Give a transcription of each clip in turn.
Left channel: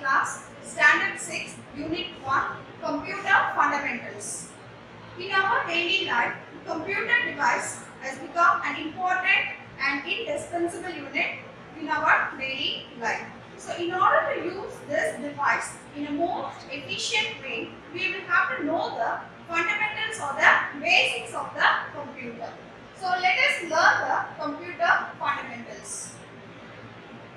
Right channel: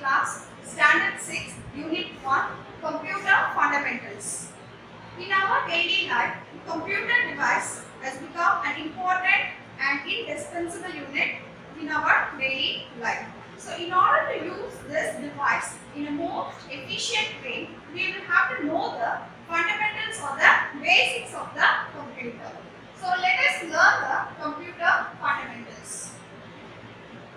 class, Standard 6, Unit 1, Computer Fundamentals. In our daily life, the computer device has become an important and indispensable unit in our daily life. So, in order to use this device in a most efficient way, we will have to know the fundamentals or the basics of the computer. So, let us learn the computer fundamentals.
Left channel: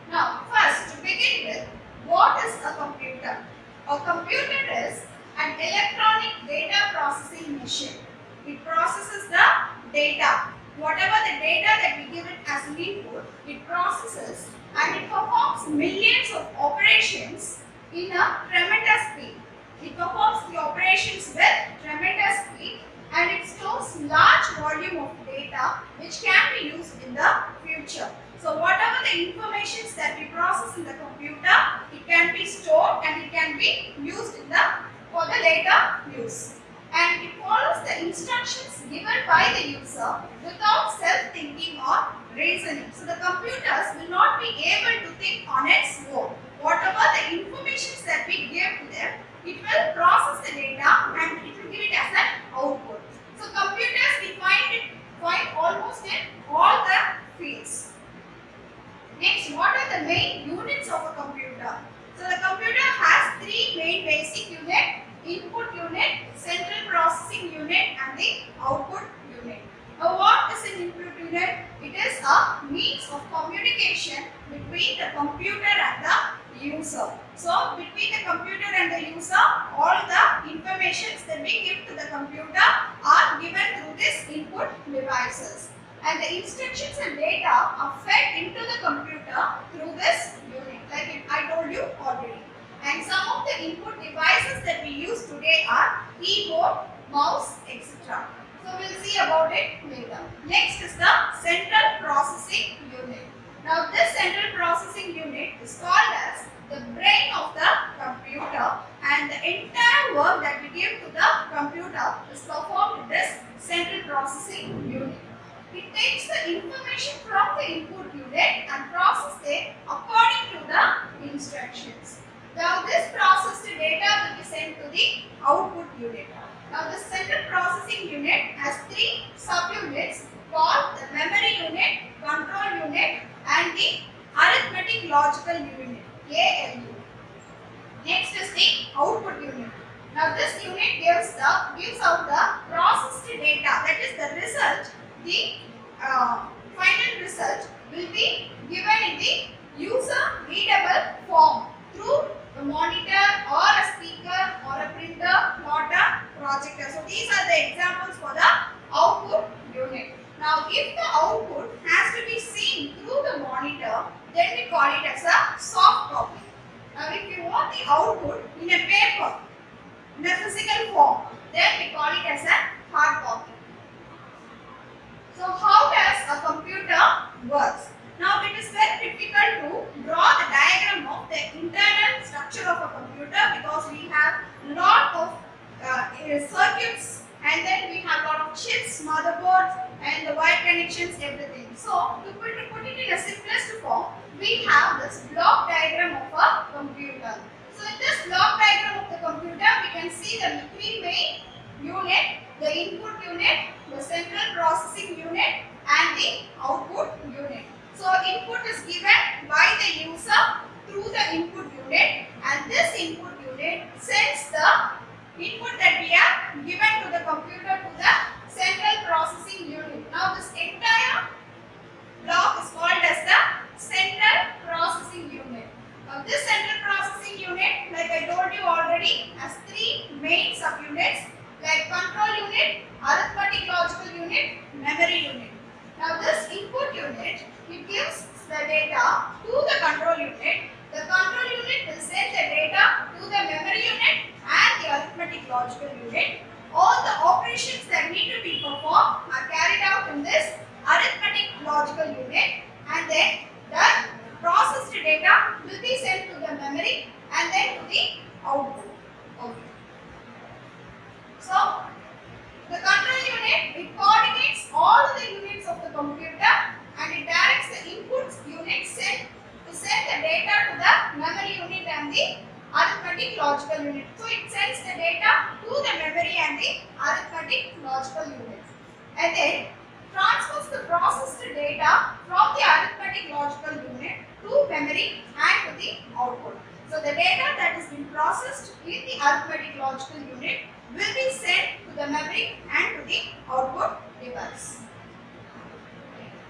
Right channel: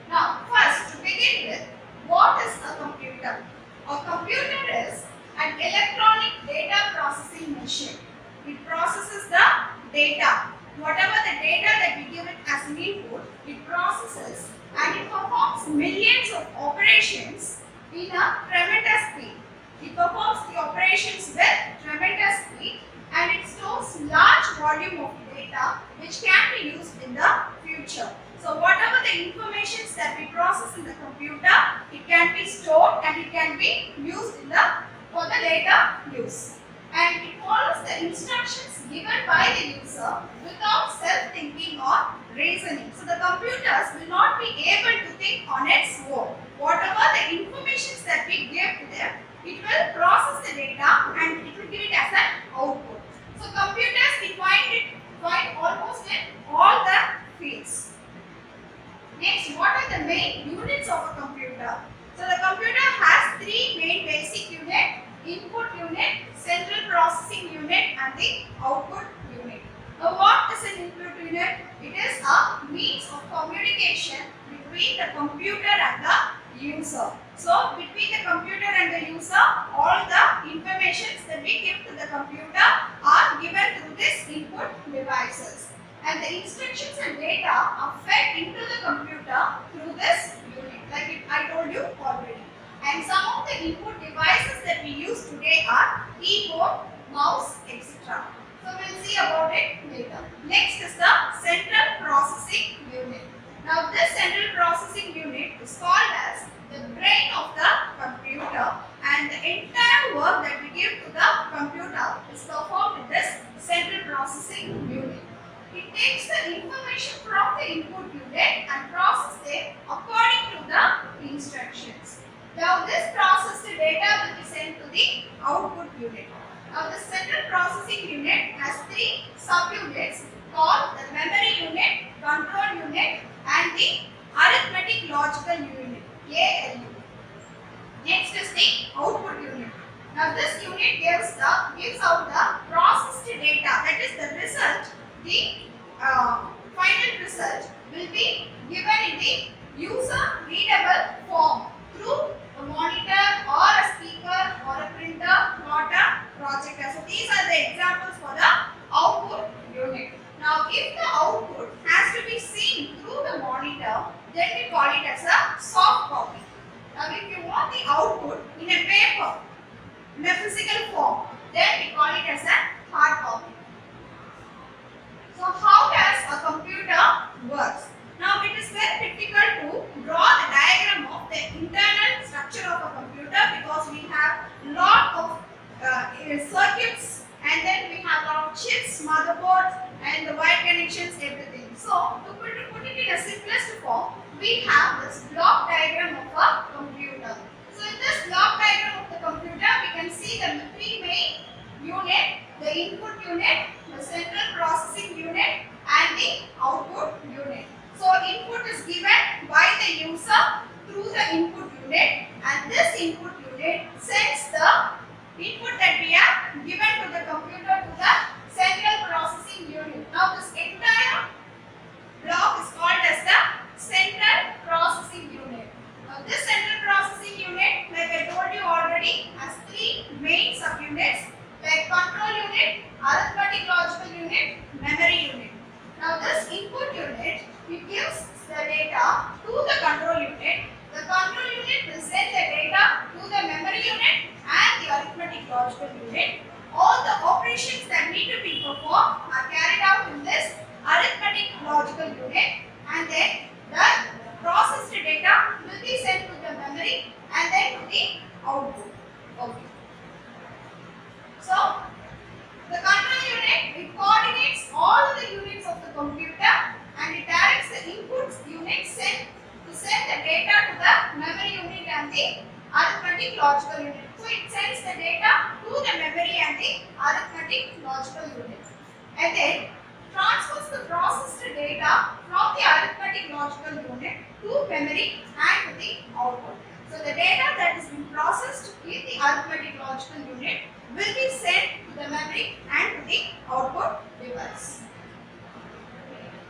Now, first to begin with, what is a computer? A computer is an electronic data processing machine. It processes the data. Whatever the data that we give it as an input, it processes and it performs millions of operations in a tremendous speed. It performs the operations with tremendous speed and it stores large volume of data which can be used in the future. So whatever the informations that we process in the computer, it can be stored and it can be used for the later use. And it follows the instructions given by the user without self-thinking or reasoning. So the computers will not be able to think on its own. Whatever the informations that we give to them, it will process the data and it will give it as an output. So computers we find almost in all the fields. Next, what are the main units of a computer? So the computer has three main basic units: input unit, central processing unit and the output unit. Now what is an input unit? It is a means of communication between the computer and the user. So between the computer and the user, all the informations that we give to the computer are given through these input devices. And the instructions and data are fed into the computer through this unit, like I told you already. And some of the input devices that we use today are keyboard, mouse, etc. So we'll see about it later. Next is the central processing unit. Now this central processing unit is called as the brain of the computer, and the entire work that we give to the computer is performed in this central processing unit. It takes the information from the input unit and processes it according to the instructions. Now this processed data will be sent to the output unit. Now the central processing unit has three subunits called the memory unit, control unit and the arithmetic logical unit, ALU. Next is the output unit. Now this unit gives out the processed data, that is the result. The final result will be given in the user readable form through a monitor or a speaker or a printer, not a projector. So these are the examples for the output unit. Now if the output has to be seen through the monitor, then we call it as a soft copy. Now if you want the output in a paper, in a physical form, then we call it as a hard copy. So how does a computer works? Now it is very difficult to draw the diagram of the internal structure of a computer because we have lot of circuits and then we have lot of chips, motherboards and the wire connections, everything. So to put it in a simplest form, we have this block diagram of a computer. So in this block diagram of the computer, we can see the three main units: the input unit, the central processing unit and the output unit. So input is given by the user through the input unit and this input unit sends the input that we have given to the computer to the central processing unit. Now this entire block is called as the central processing unit. Now this central processing unit, like I told you already, has three main subunits like control unit, arithmetic logical unit, memory unit. Now this input unit, it gives the data to the control unit. The control unit will send the data to the memory unit and the arithmetic logical unit. All the operations that need to be performed are carried out in this arithmetic logical unit, and then the processed data will be sent to the memory and then to the output. Okay. So the control unit, it coordinates all the units of the computer and it directs the input unit to send the data to the memory unit and the arithmetic logical unit. So it sends the data to the memory and the arithmetic logical unit. And then transfers the processed data from the arithmetic logical unit to memory and to the output. So the data that has been processed in the arithmetic logical unit will be sent to the memory and to the output device.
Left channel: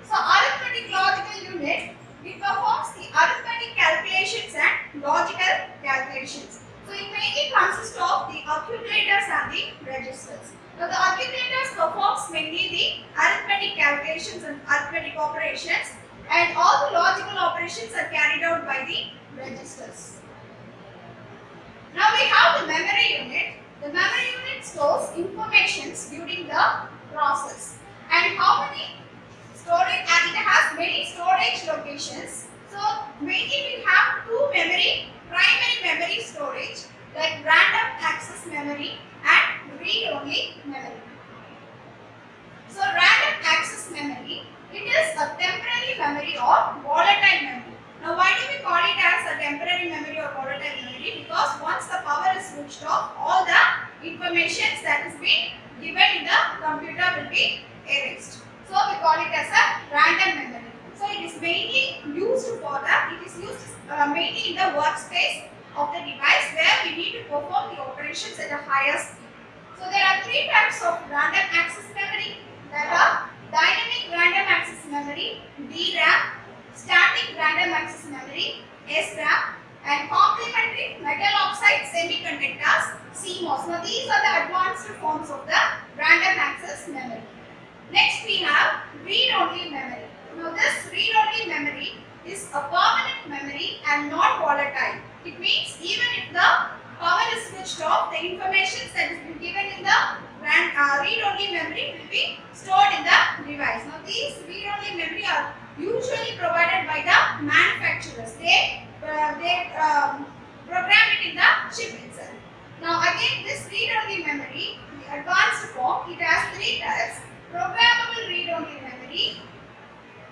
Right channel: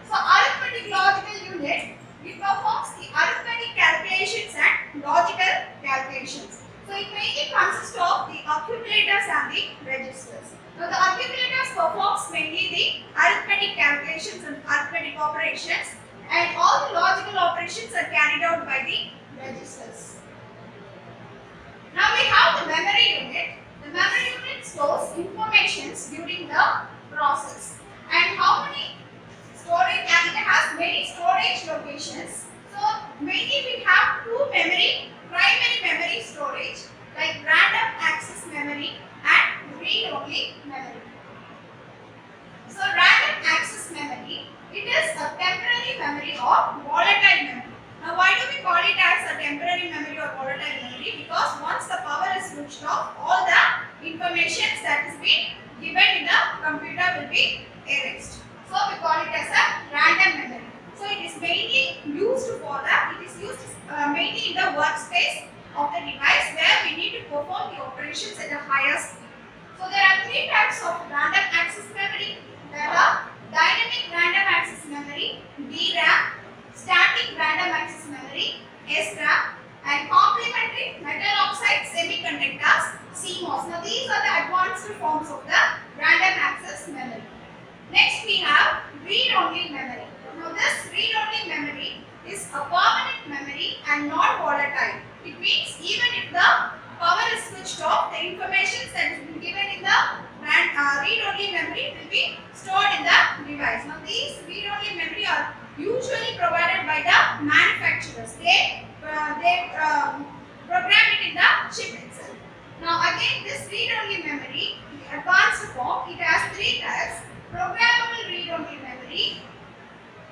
So arithmetic logical unit, it performs the arithmetic calculations and logical calculations. So it mainly consists of the accumulators and the registers. Now the accumulators performs mainly the arithmetic calculations and arithmetic operations, and all the logical operations are carried out by the registers. Now we have the memory unit. The memory unit stores informations during the process. And how many storage? And it has many storage locations. So mainly we have two primary memory storage, like random access memory and read-only memory. So random access memory, it is a temporary memory or volatile memory. Now why do we call it as a temporary memory or volatile memory? Because once the power is switched off, all the information that is being given in the computer will be erased. So we call it as a random memory. So it is mainly used for that. It is used mainly in the workspace of the device where we need to perform the operations at a higher speed. So there are three types of random access memory. There are dynamic random access memory, DRAM, static random access memory, SRAM, and complementary metal oxide semiconductors, CMOS. Now these are the advanced forms of the random access memory. Next we have read-only memory. Now this read-only memory is a permanent memory and non-volatile. It means even if the power is switched off, the information that has been given in the read-only memory will be stored in the device. Now these read-only memory are usually provided by the manufacturers. They program it in the chip itself. Now again, this read-only memory, the advanced form, it has three types: programmable read-only memory,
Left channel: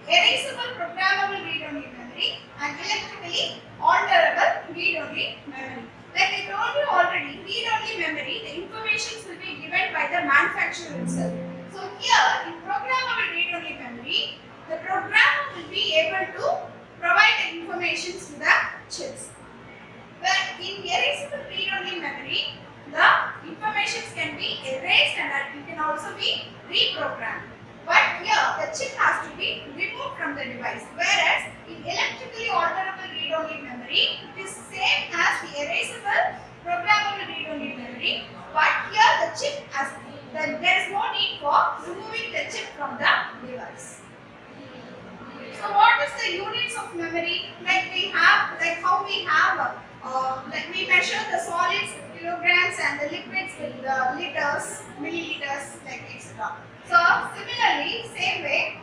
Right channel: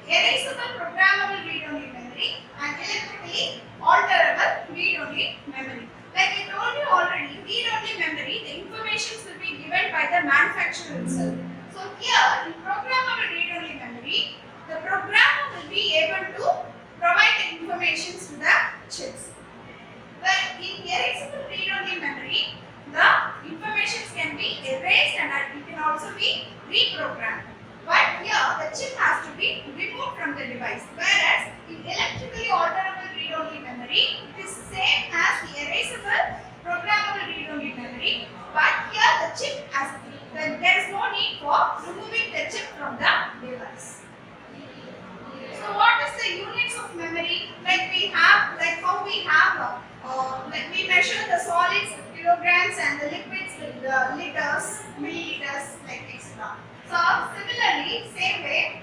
erasable programmable read-only memory, and electrically alterable read-only memory. Like I told you already, read-only memory, the information will be given by the manufacturer itself. So here, in programmable read-only memory, the programmer will be able to provide the information to the chips. But in erasable read-only memory, the information can be erased and it can also be reprogrammed. But here, the chip has to be removed from the device. Whereas in electrically alterable read-only memory, it is same as the erasable programmable read-only memory. But here, the chip has there is no need for removing the chip from the device. So what is the units of memory? Like how we have, like we measure the solids with kilograms and the liquids with the liters, milliliters, like etc. So similarly, same way,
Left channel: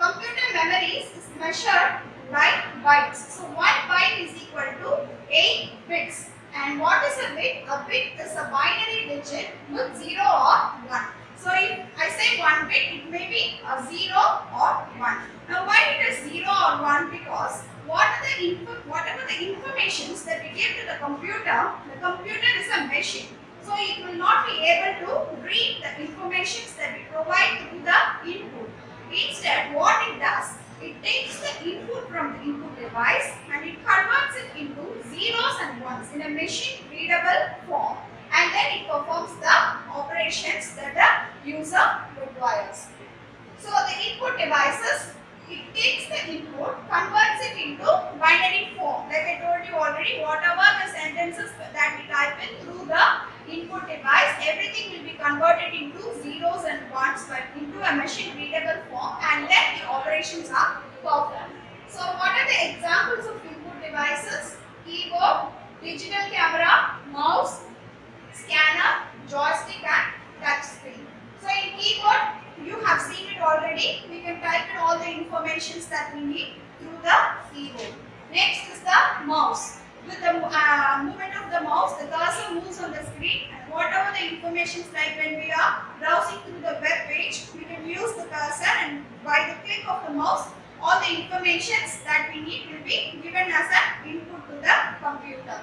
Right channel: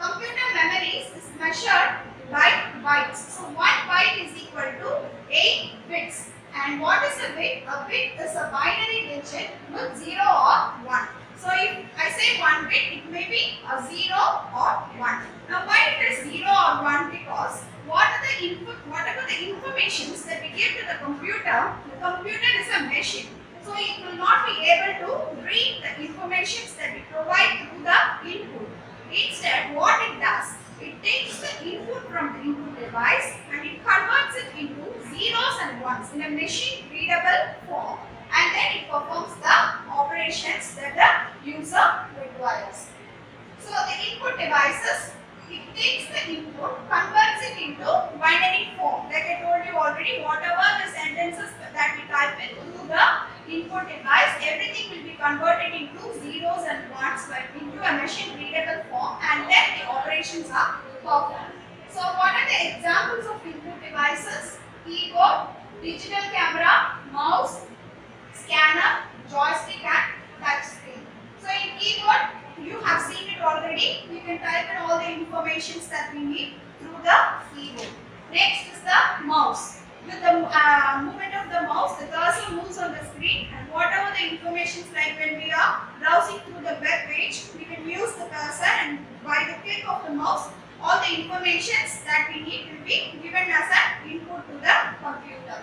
computer memories is measured by bytes. So 1 byte is equal to 8 bits. And what is a bit? A bit is a binary digit with 0 or 1. So if I say 1 bit, it may be a 0 or 1. Now why it is 0 or 1? Because whatever the informations that we give to the computer is a machine. So it will not be able to read the information that we provide through the input. Instead, what it does, it takes the input from the input device and it converts it into zeros and ones in a machine readable form, and then it performs the operations that the user requires. So the input devices, it takes the input, converts it into binary form. Like I told you already, whatever the sentences that we type in through the input device, everything will be converted into zeros and ones into a machine readable form, and then the operations are performed. So what are the examples of input devices? Keyboard, digital camera, mouse, scanner, joystick and touch screen. So in keyboard, you have seen it already. We can type in all the informations that we need through the keyboard. Next is the mouse. With the movement of the mouse, the cursor moves on the screen, and whatever the information, like when we are browsing through the web page, we can use the cursor, and by the click of the mouse, all the information that we need will be given as an input to the computer.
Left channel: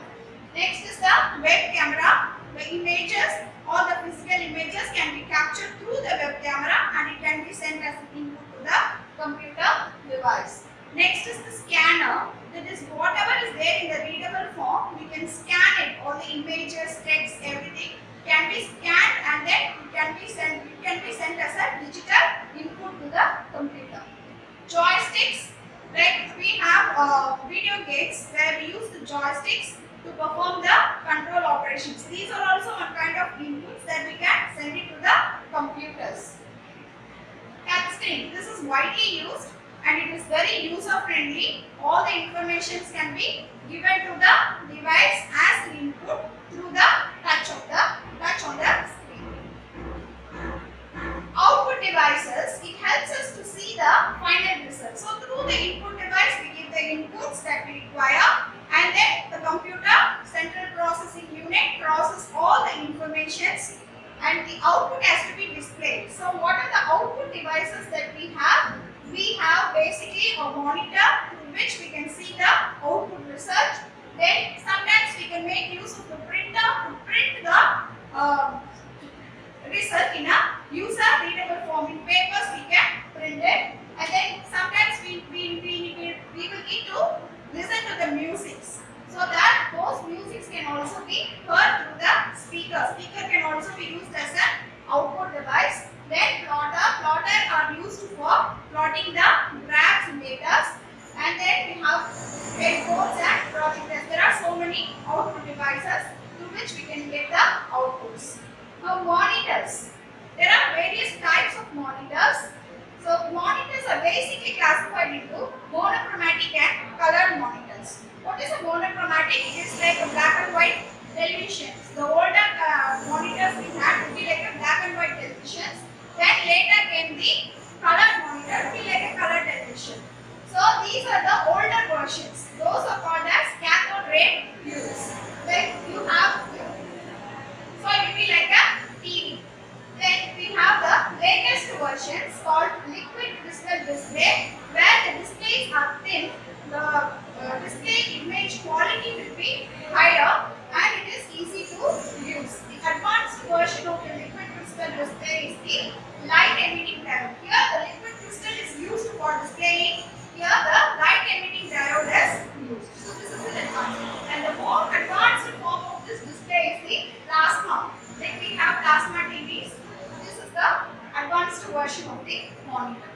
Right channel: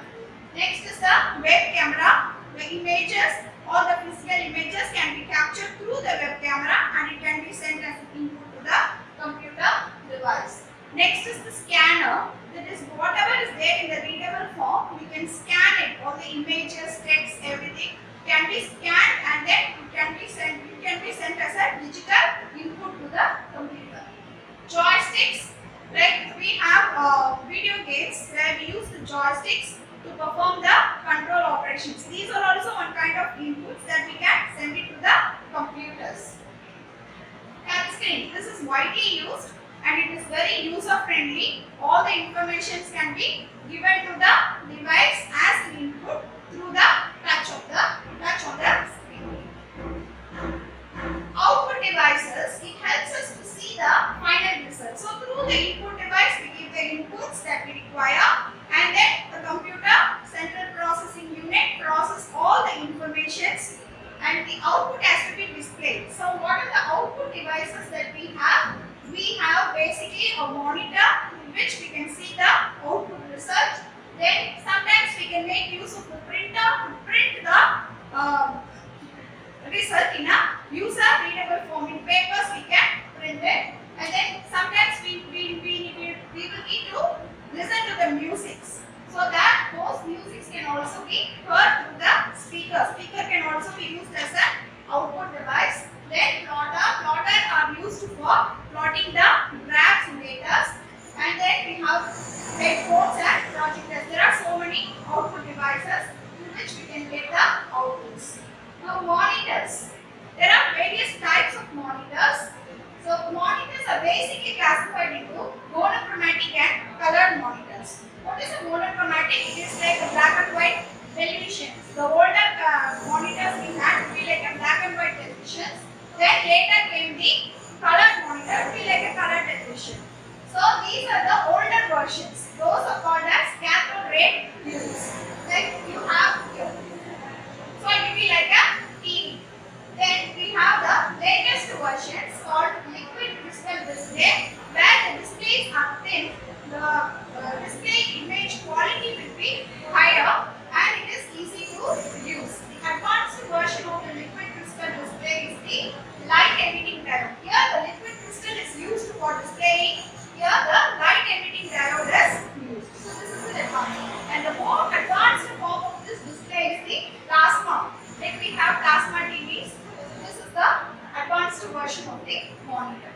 Next is the web camera. The images or the physical images can be captured through the web camera and it can be sent as input to the computer device. Next is the scanner. That is whatever is there in the readable form, we can scan it. All the images, text, everything can be scanned and then it can be sent as a digital input to the computer. Joysticks, like we have video games where we use the joysticks to perform the control operations. These are also one kind of inputs that we can send it to the computers. Touch screen. This is widely used and it is very user friendly. All the information can be given to the device as an input through the touch on the screen. Output devices, it helps us to see the final result. So through the input device, we give the inputs that we require and then the computer central processing unit process all the informations and the output has to be displayed. So what are the output devices that we have? We have basically a monitor through which we can see the output result. Then sometimes we can make use of the printer to print the result in a user readable form. In papers we can print it and then sometimes we will need to listen to the musics. So that those musics can also be heard through the speaker. Speaker can also be used as an output device. Then plotter are used for plotting the graphs and data. And then we have headphones and projectors. There are so many output devices through which we can get the outputs. Now monitors. There are various types of monitors. So monitors are basically classified into monochromatic and colored monitors. What is a monochromatic? It is like a black and white television. The older monitors we had would be like a black and white television. Then later came the colored monitor, it would be like a color television. So these are the older versions. Those are called as cathode ray units. Like you have here. So it will be like a TV. Then we have the latest versions called liquid crystal display, where the displays are thin. The display image quality will be higher and it is easy to use. The advanced version of the liquid crystal display is the light emitting diode. Here the liquid crystal is used for displaying. Here the light emitting diode is used. So this is the advanced. And the more advanced form of this display is the plasma. Like we have plasma TVs. This is the advanced version of the monitor.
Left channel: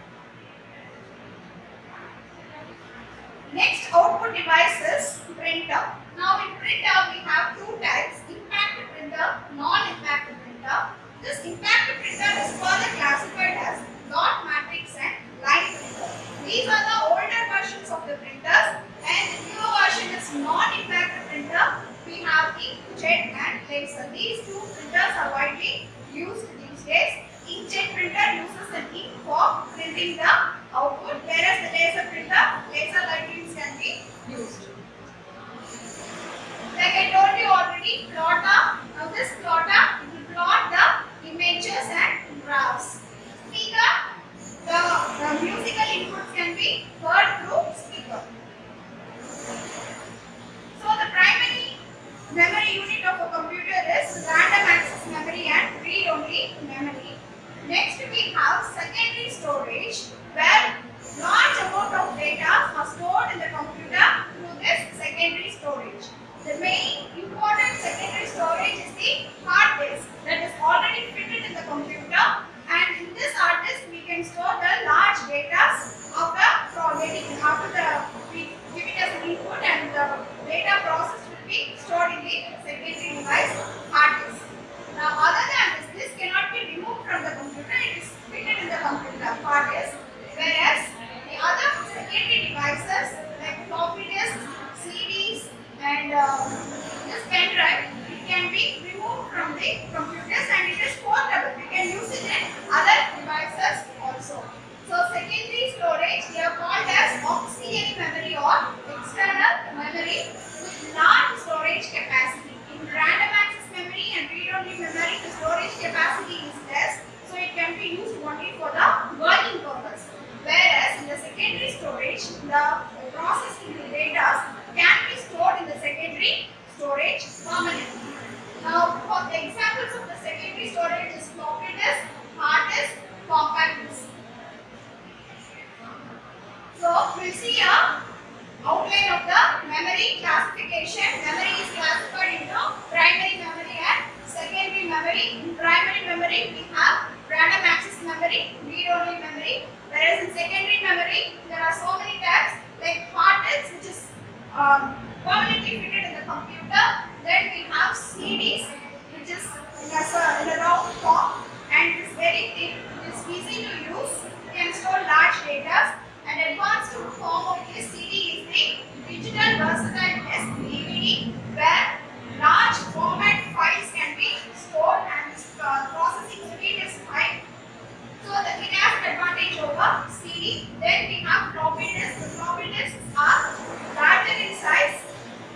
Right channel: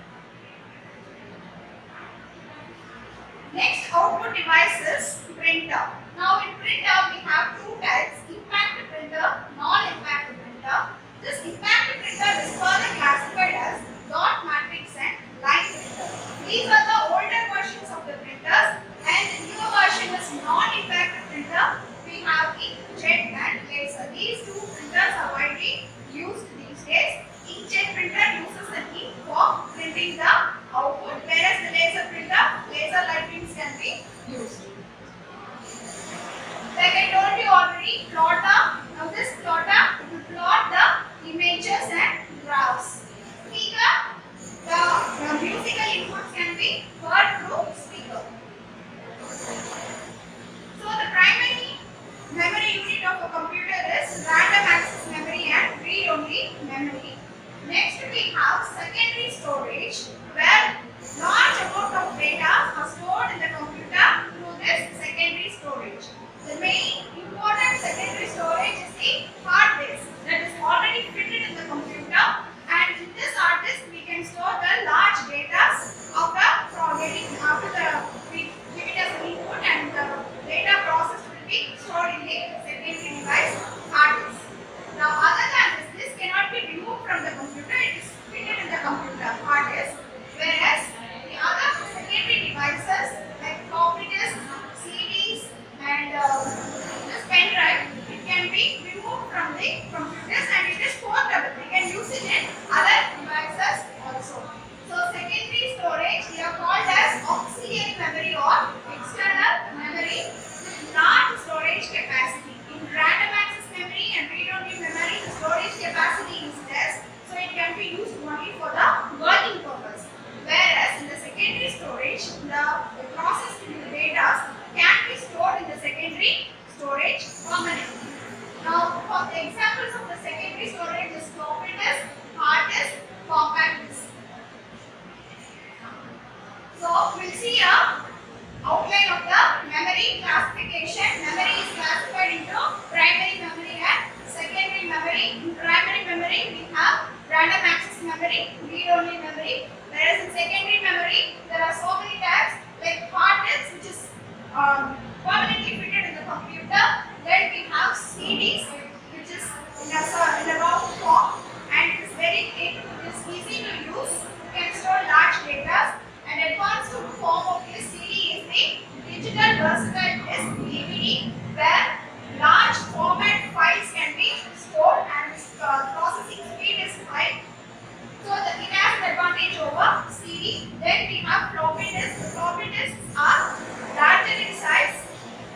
Next output device is printer. Now in printer we have two types, impact printer, non-impact printer. This impact printer is further classified as dot matrix and line printer. These are the older versions of the printers and the newer version is non-impact printer. We have inkjet and laser. These two printers are widely used these days. Inkjet printer uses an ink for printing the output, whereas the laser printer, laser lightnings can be used. Like I told you already, plotter. Now this plotter, it will plot the images and graphs. Speaker, the musical inputs can be heard through speaker. So the primary memory unit of a computer is random access memory and read-only memory. Next we have secondary storage, where large amount of data are stored in the computer through this secondary storage. The main important secondary storage is the hard disk that is already fitted in the computer, and in this hard disk we can store the large data we give it as an input and the data processed will be stored in the secondary device hard disk. Now other than this cannot be removed from the computer, it is fitted in the computer hard disk, whereas the other secondary devices like floppy disks, CDs and this pen drive, it can be removed from the computers and it is portable. We can use it in other devices also. So secondary storage, they are called as auxiliary memory or external memory with large storage capacity. we'll see a outline of the memory classification. Memory is classified into primary memory and secondary memory. In primary memory, we have random access memory, read-only memory. Whereas in secondary memory, there are so many tabs like hard disk, which is permanently fitted in the computer. Then we have CDs, which is in a round form and it is very thin. It is easy to use. Can store large data. An advanced form of this CD is the digital versatile disk DVD, where large format files can be stored and processing speed is high. So it has an advantage over CD. Then we have floppy disks. The floppy disks are larger in size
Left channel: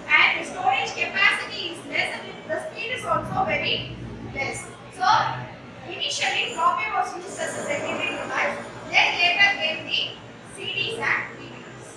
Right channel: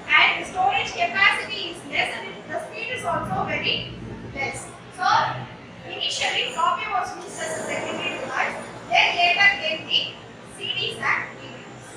and storage capacity is less and the speed is also very less. So initially floppy was used as a secondary device. Then later came the CDs and DVDs.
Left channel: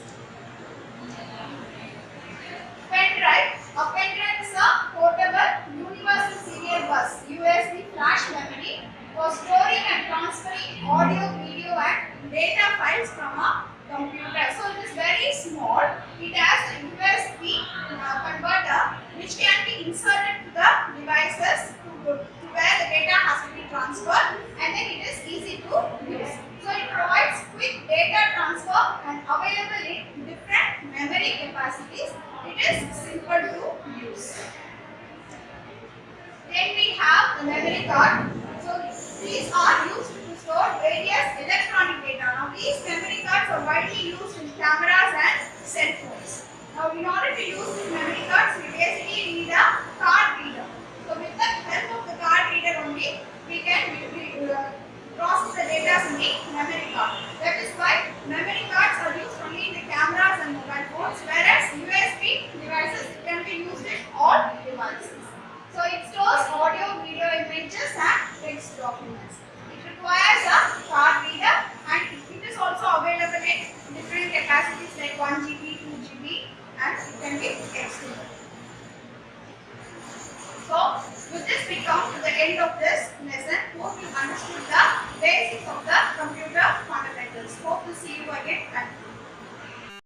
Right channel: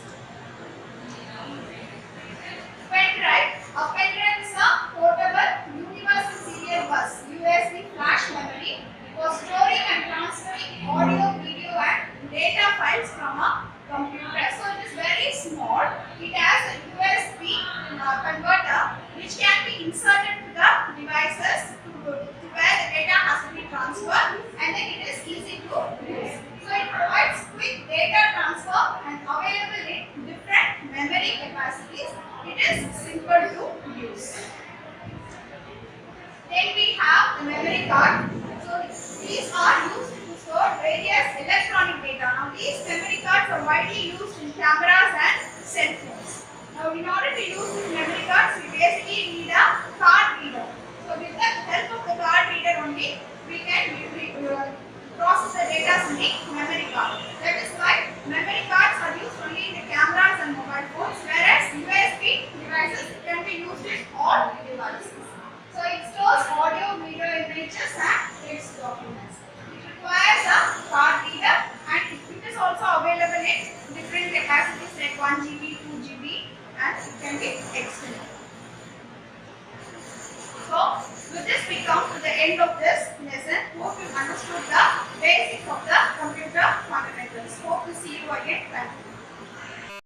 Pen drive. A pen drive is a portable universal serial bus USB flash memory for storing and transferring audio, video and data files from a computer. So it is very small. It has a USB converter which can be inserted to the devices to where the data has to be transferred, and then it is easy to use. So it provides quick data transfer and available in different memory capacities. It is simple to use. Then we have the memory card. So these are used to store various electronic data. Now these memory cards are widely used in cameras and cell phones. Now in order to use these memory cards, we basically need a card reader. So with the help of the card reader only, we can process the data in the memory card. That is why memory cards are used only in the cameras and mobile phones, whereas USB devices can be used in all devices. So it stores audio, video, images and text documents. It requires a card reader and it is also available in different capacities like 1 GB, 2 GB and it can be extended. So with this we come to the end of this lesson. Hope you understood the basics of the computer fundamentals. Hope to see you again. Thank you.